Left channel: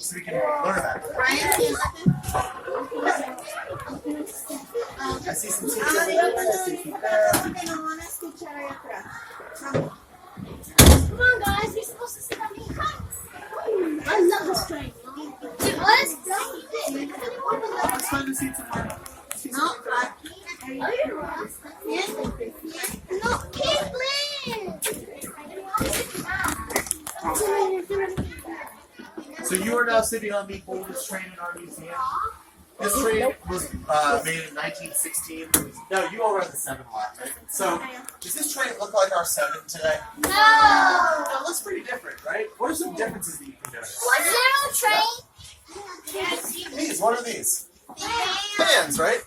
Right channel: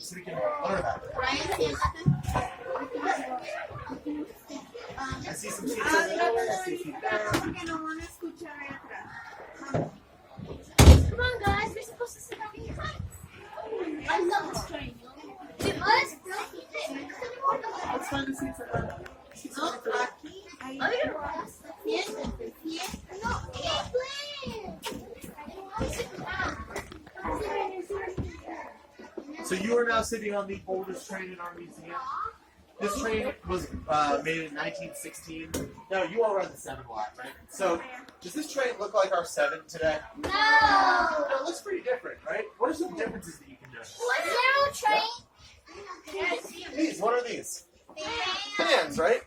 so we can learn about it. I see some seats over there. I see some there. Come on, guys, we're supposed to sit on here. I love this train. Let's find a seat somewhere. No, Caitlin! So you are now sitting on this train in our museum. This train was made in 1916. No, you all read the 7 a lot, right? So does this train look like our 7 today? No! No, it looks pretty different, right? What are some differences that you can notice? What's there on the train? These, what are these? Fans, right?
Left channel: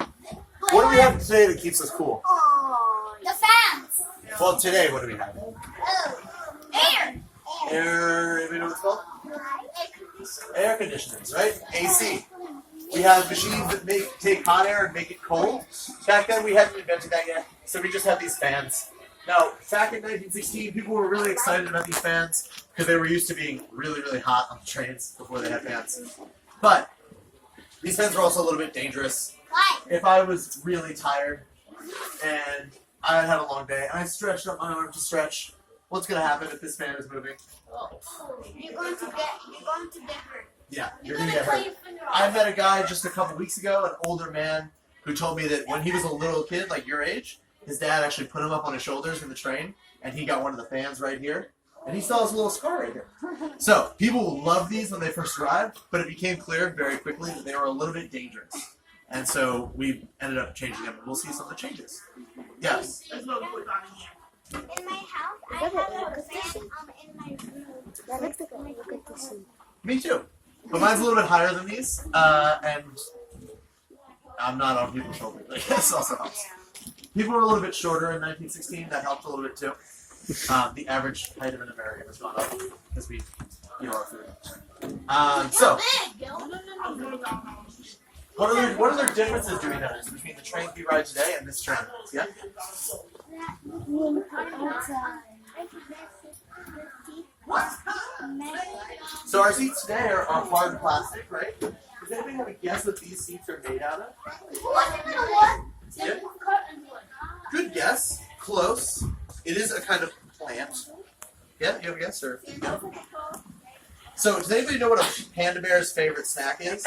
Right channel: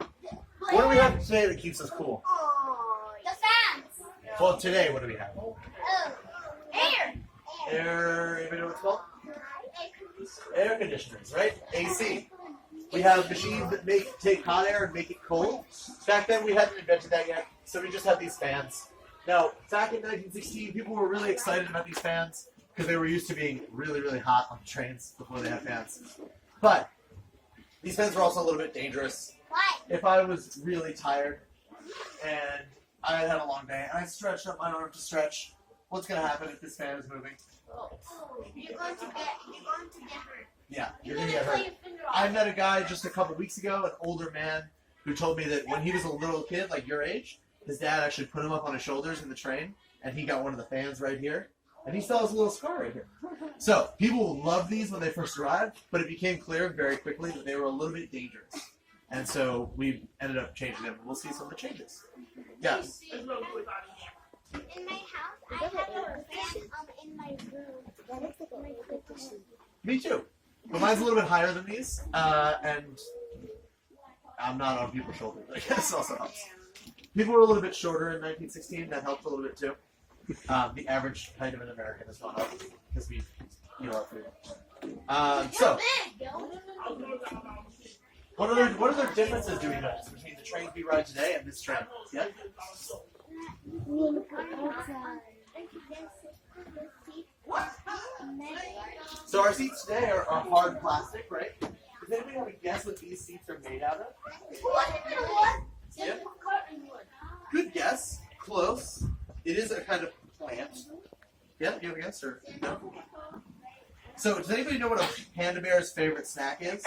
What do we have today that keeps us cool? The fans. Well, today, what do we have? Oh, air. Air, anybody know what it's called? Air conditioners, right? AC. We have machines that take hot air and make it cold. Back then, we hadn't invented that yet, so we just had these fans. Now, back in 1916, people were really excited about these fans because they were used to being really, really hot on the trains before they had fans. But these fans are also a little bit dangerous. Why? If I was really tired and I had a long day and I stretched up my arm to stretch, what's going to happen if this fan is moving? You're going to get hurt. Yeah, you're going to get hurt. I met a guy just a couple weeks ago, an older man, who told me that when he was a little kid, like your age, his dad actually put him up on his shoulders in the train, and he got one of the fans right here, and he still has a little scar right here. So, people loved these when they first arrived, but it became clear very quickly that they were a little bit dangerous. And so, we ended up changing them. We'll see some of the changes. Yes? In my house, I have a fan in my room. That looks like a good to see. Me too. But mine's a little bit higher than these, and I'm not on people's shoulders. I guess also helps. People were a little bit shorter in 1916. That helped a little bit too. The average height of an American has gone up because we, our food. So, what other differences do we notice between the train we ride today and this train? Yeah. So our seats today are hard plastic, right? Does anybody have a guess what these seats are made out of? Yep. Good guess. Close. It is a kind of plant. Yeah, you have a guess, or? No? So, does anybody know what a panda bear's favorite snack is?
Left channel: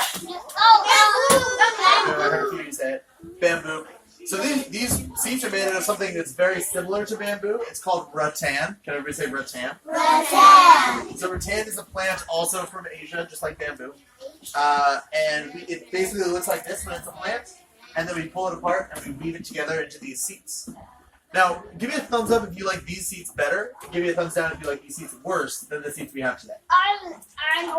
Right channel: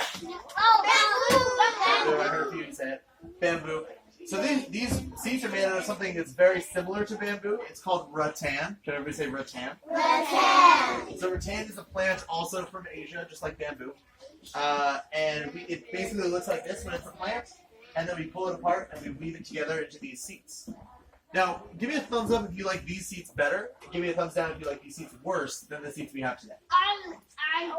Oh, I heard a few of you say it. Bamboo. So these seats are made out of something that's very similar to bamboo. It's called rattan. Can everybody say rattan? rattan. So rattan is a plant also from Asia, just like bamboo. And it basically looks like this when it's a plant. And then we pull it apart and we weave it together into these seats. Now, give me a thumbs up if you like these seats better. And give me a thumbs down if you like these seats worse than the seats we have today. A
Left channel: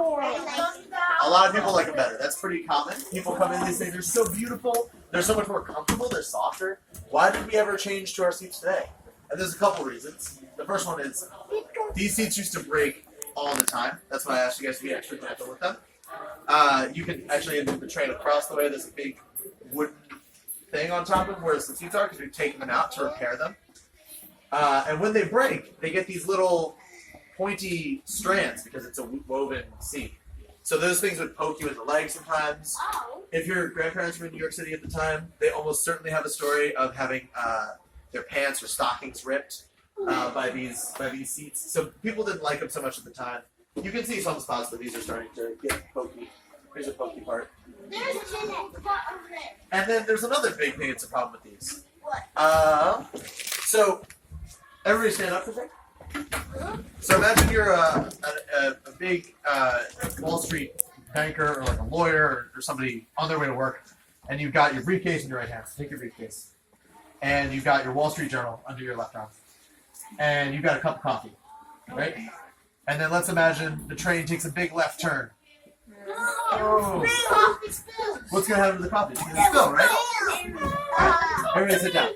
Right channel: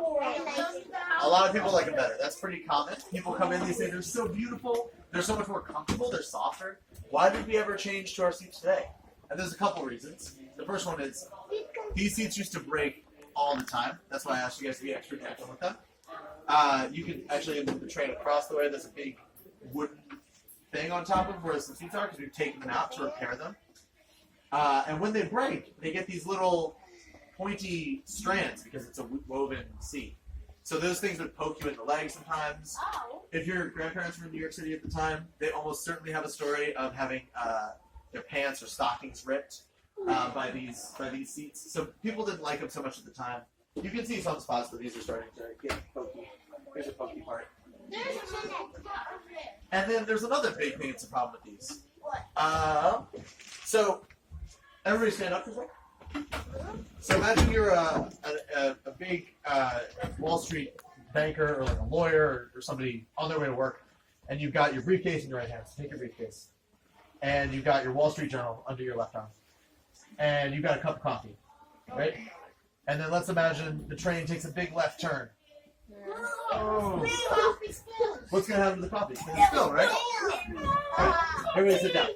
lot of people like them better. That's pretty common. People come in and they say they're so beautiful. They're so much more comfortable. They're softer. Why did we ever change to our seats today? And there's a couple reasons. The first one is these seats used to break all the time. That's why I asked you guys to be extra gentle with them. You can actually move the train across the way. There's a big wooden thing on top of where the seats are because we've taken them out to repair them. And when they break, they get these little pointy strands because it's a woven seat. So those things would poke you in the leg sometimes. If your grandparents were in New York City at the time, they almost certainly have a story of having their pants or stockings ripped by these seats. So people didn't like them so much at the time. You can see some spots where these are starting to get pokey. Here's a pokey part. And then there's another big thing that's a problem with these. So everybody stand up for a second. So imagine you're a big Wall Street banker or like a lawyer or somebody on their way to work, and you've got your briefcase in your right hand. So take your briefcase. And you've got your Wall Street Journal under your left arm. And you've got a cup of coffee, right? And then let's imagine the train takes a big left turn. Oh. What's going to happen to the coffee? It's going to spill, right? Everybody sit down.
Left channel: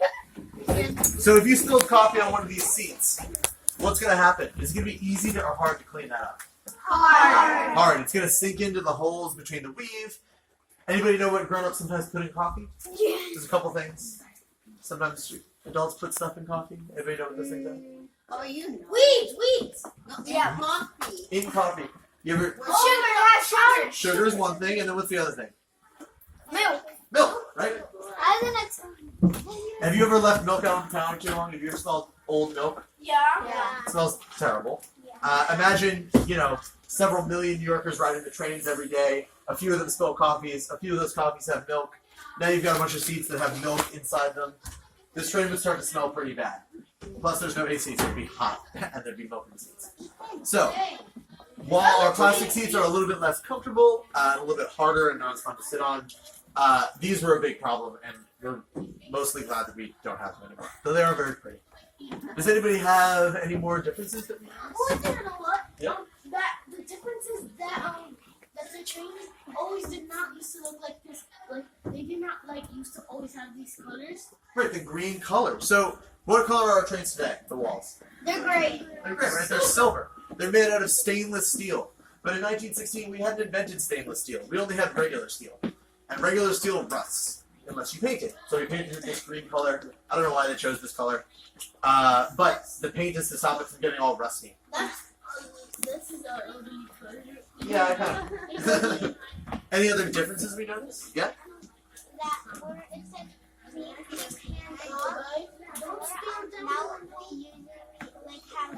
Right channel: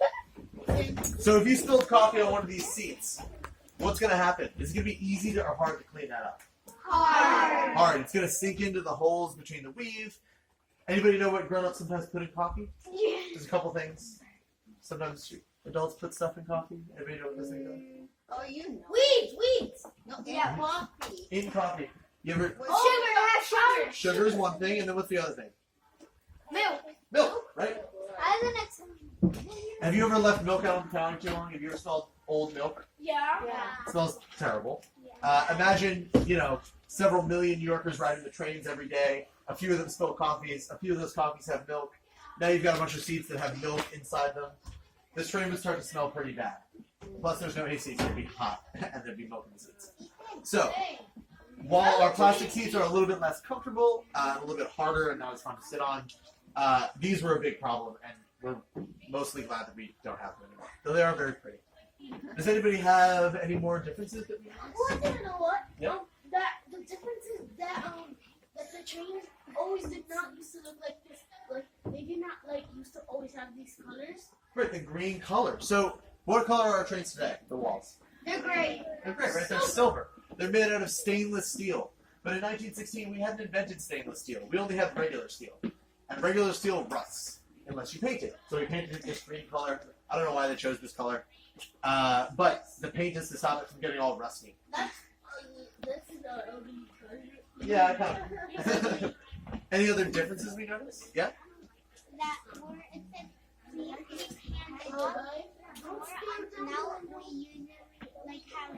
So if you spilled coffee on one of these seats, what's going to happen? Is it going to be easy or hard to clean that up? Hard. Hard. It's going to sink into the holes between the weave. Anybody know what grown-ups sometimes put in coffee? Yeah. There's a couple things. Sometimes adults put stuff in coffee. Anybody know what those things are? Oh, you know. Weeds. Yeah, coffee. In coffee. You ever? Sugar. Sugar is one thing, and then what's the other thing? Milk. Milk, right? And then it's. Have you ever left milk out on the counter too long? Have you ever smelled old milk? Yeah. It smells terrible. Imagine, several million New Yorkers ride into trains every day. A few of them spill coffees. A few of those coffees have milk. Now you've got a bunch of seats that have milk inside them. This train would start to smell pretty bad. Plus, there's no AC, so it'd be hot, and there'd be milk in the seats. So, while our plastic seats are a little bit less comfortable, a little bit harder and not as fun to sit on, these were a big problem, and we're mostly glad that we don't have them anymore. Though they are very pretty. Does anybody have any more differences that we have? Well, you know what? Yeah. That the difference is that the trains always did not used to look like this. Like they did not used to always have these colors. Right, the green color. So, what color are our trains today? The walls. They're gray. They're gray, right? They're silver. They're made out of stainless steel. But in 1916, we hadn't invented stainless steel. We only had regular steel. And regular steel rusts unless you paint it. So we painted it this green color. I don't know why they chose this color. But the paint is to stop it from getting all rusty. This is our ugly color. Yeah, I know. Any other differences we noticed? Yeah? That where it said we hand Oh, up, guys. now we usually like have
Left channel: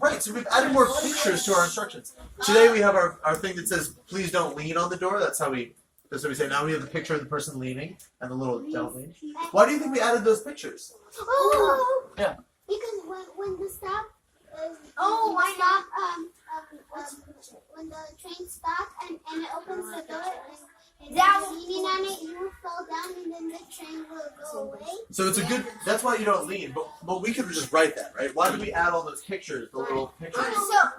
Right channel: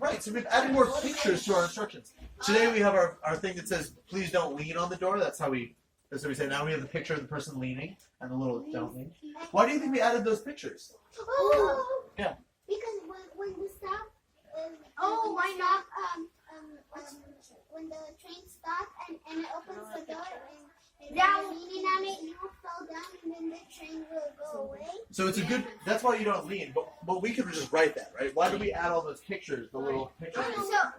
Right, so we've added more pictures to our instructions. Today we have our thing that says, please don't lean on the door. That's what we say. Now we have the picture of the person leaning and the little don't lean. Why do you think we added those pictures? Oh, Yeah. because when the stop Oh, why not? When the train stops and it opens the door and Yeah. you're leaning on it, you fall down and then the train will go away. So it's a good, that's why you don't lean, but we could just write that, right? Why did we add all those pictures, the little pictures?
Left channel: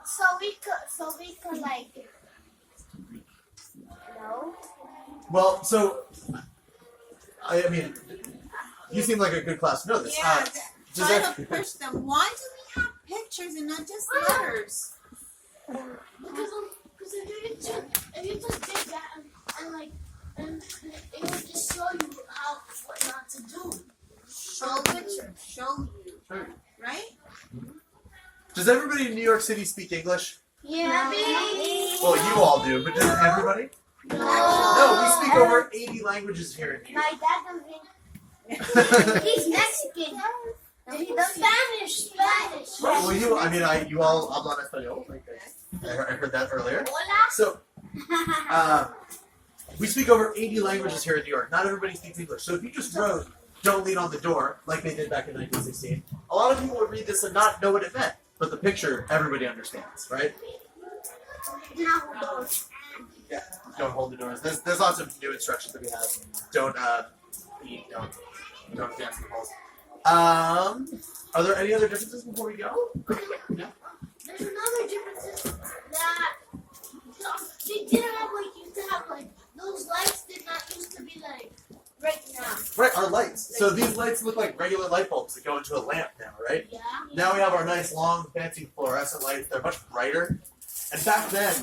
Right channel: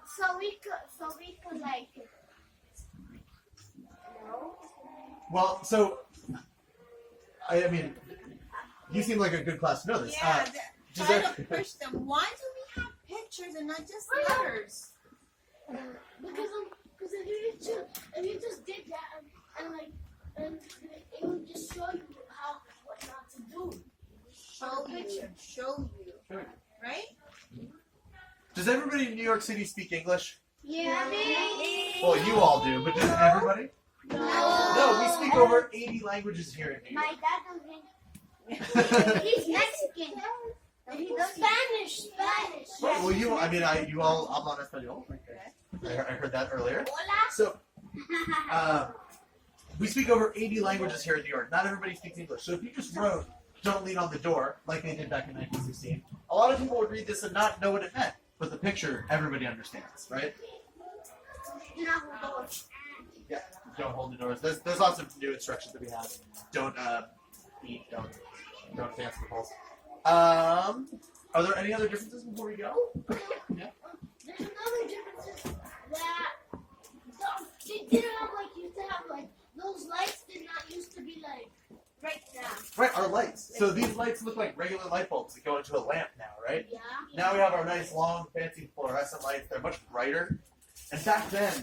So we could like no. Well, so, I mean, you seem like a good class to know this. Yeah, Does try that- to push them. Why do we have pictures and not just letters? Because if you just did that and it would just show you what not to do. Show picture. Show you. Right? Does everybody in New York City speak English? Yeah. Well, you all do, but does everybody? No, we speak over 80 languages here in New My York. dad doesn't. He's Mexican. He does Spanish. Well, you all hablan español. I heard that earlier. Hola. So, we speak over 80 languages here in New York. Not everybody speaks English. So if you just wrote, don't lean on the door, like they did back in 1916, a lot of people would read this and not know what it meant. But the picture, everybody understands, right? Yeah, don't hold the doors. There's lots of new instructions that we have. Don't eat, don't dance in the halls. Are there any other differences before we go? Yeah. There's another difference is that they didn't have used to have those lights did not used to be right now. Right, our lights. So these lights look like regular light bulbs that go into a lamp now, right? Yeah. Now we have our nice, long, fancy fluorescent lights. They're much brighter. And back then,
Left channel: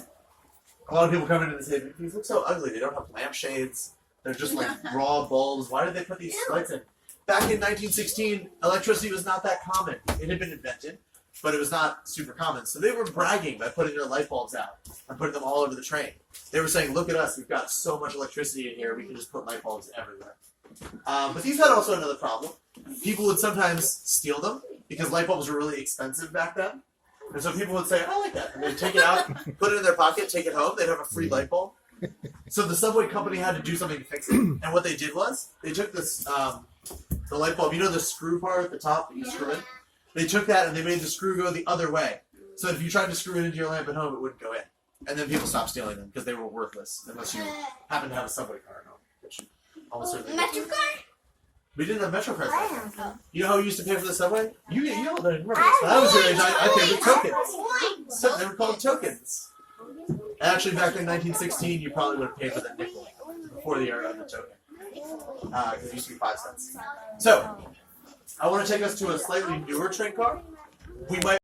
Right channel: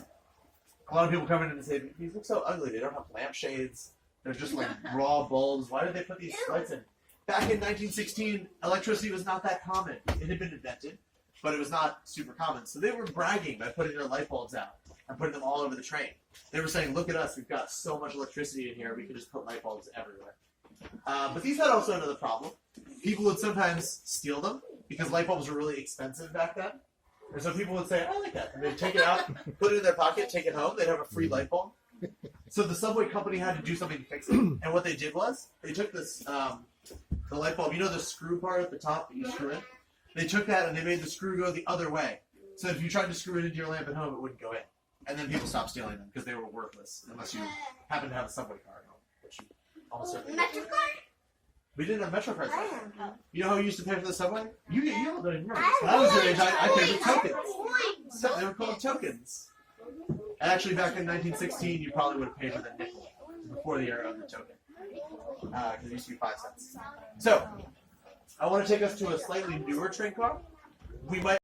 a lot of people come in and say, these look so ugly. They don't have lampshades. They're just like raw bulbs. Why did they put these lights in? Back in 1916, electricity was not that common. It had been invented, but it was not super common. So they were bragging by putting their light bulbs out and putting them all over the train. They were saying, look at us. We've got so much electricity in here. We can just put light bulbs everywhere. But these had also another problem. People would sometimes steal them because light bulbs were really expensive back then. And so people would say, I like that. And they'd take it out, put it in their pocket, take it home. They'd have a free light bulb. So the subway company had to do something to fix it. And what they did was, they took this, the light bulb, the screw part at the top that you screw in? They took that and they made the screw go the other way. So if you tried to screw it into your lamp at home, it wouldn't go in. And then people stopped stealing them because they were worthless unless you happened to have a subway car at home. Which almost certainly Metro car? we didn't have Metro cards back then. You know how we used to pay for the subway? You don't remember this. When I was your age, I paid with tokens. So they were called tokens. Actually, back in 1916, you probably would have paid for that nickel before the era of the token. Because it used to be 5 cents. So, I want to take us to a slightly newer train car. We might